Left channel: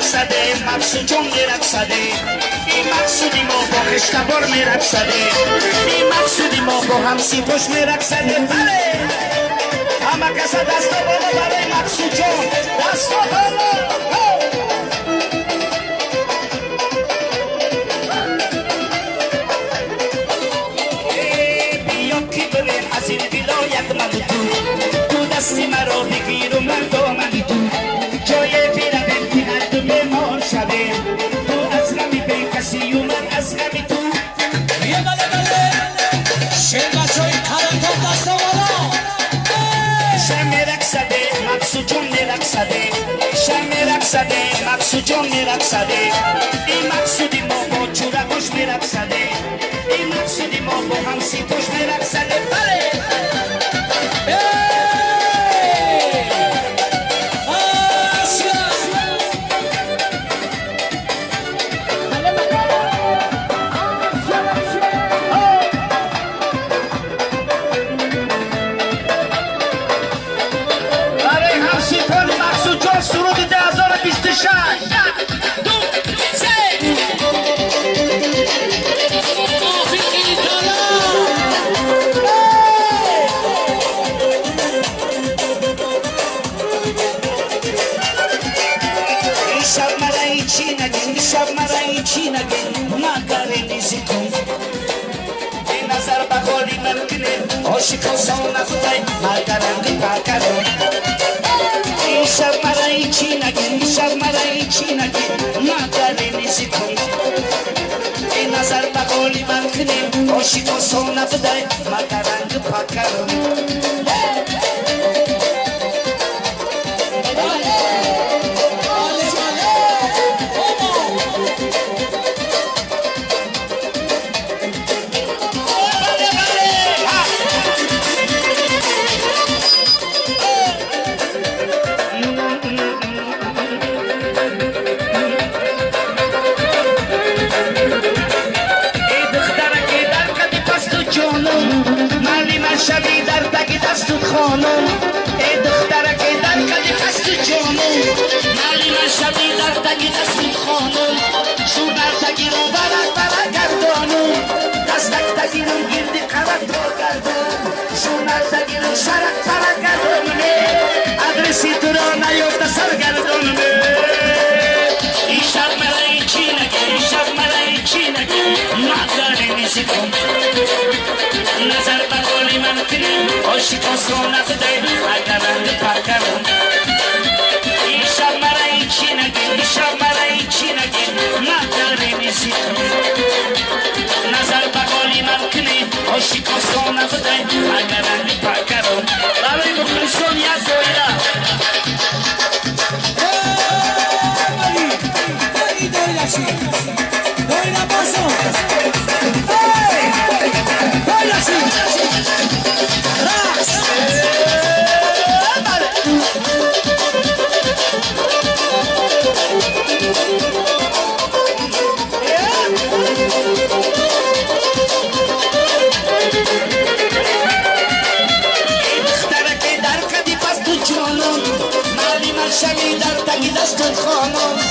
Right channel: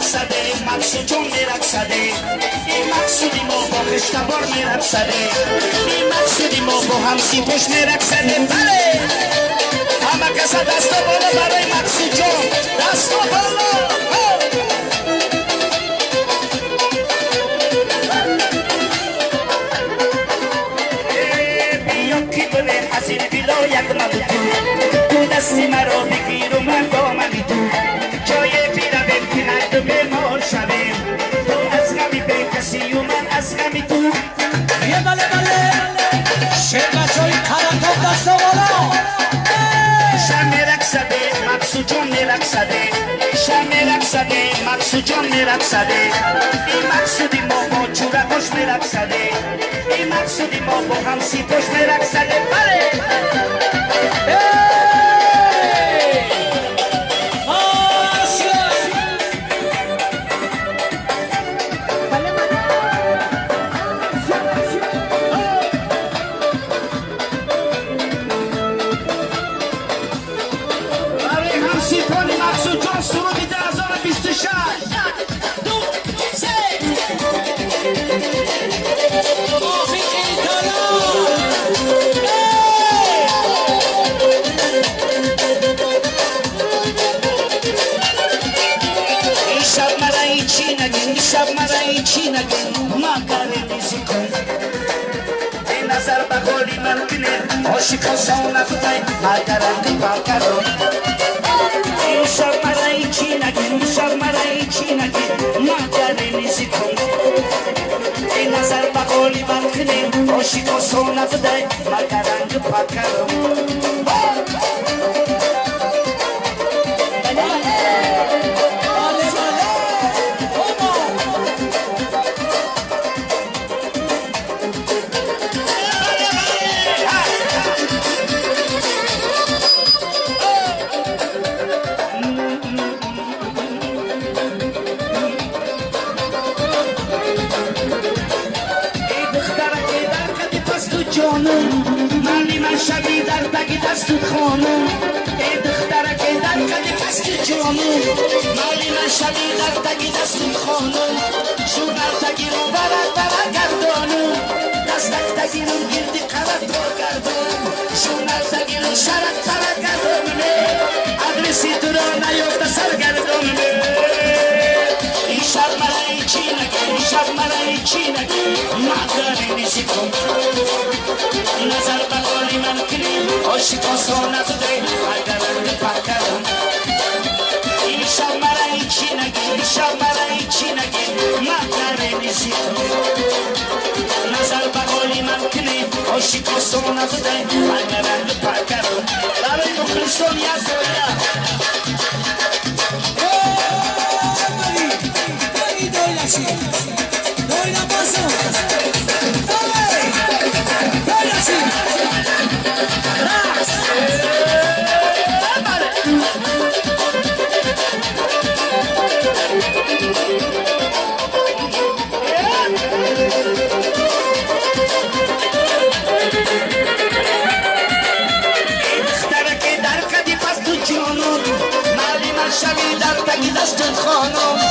میرقصده مقصود جون میرقصده این مقصودی ما با اشتبار میرقصده این مقصودی ما با هم سیبوش میرقصده بله همه کسا دست بالا برای مقصود جون دست بالا از این ولایت من تو دستی مرا بگیر و من با منی تو جای بیرم کنار تو بیمار شویم تو از غمی به کسی و من از غمی تو بله بله شما شوی کاراتون دست بالا شم میرقصده مقصود جون میرقصده شم میرقصده مقصود جون میرقصده این مقصودی ما با چوره خوش میرقصده این مقصودی ما با هم سیتوش میرقصده بله شب مرایی چی نگه مکاره میزی کن به نظر بخالی ممکنه عاشقا سانه خدای مکرم مکرم این شب مرایی چی نگه شب مرایی چی نگه مکاره میزی کن به نظر بخالی ممکنه عاشقا سانه خدای مکرم مکرم شبی در تکی دستو خانم ای دختره که در کلی پستو جانم مالی من شبی در تکی دستو خانم شونر تکی رو برا گردانم دستک تکی رو گردی قوت رو گردم شونر تکی رو شرک برا گردم ادرسی تو رو نیفت سر گردم این شب مرایی چی نگه این شب مرایی چی نگه مقداری میشی کن نظر بقالی من کنیم عاشقا سانه خدای اگرند پرکرم این شب مرایی چی نگه این شب مرایی چی نگه مقداری میشی کن نظر بقالی من کنیم عاشقا سانه خدای اگرند پرکرم برای مخلصون یا زویرا Doyla bozo Doyla si Ras دختره که در کدی پس تو جانم مالی من شبی در تکی دست خانم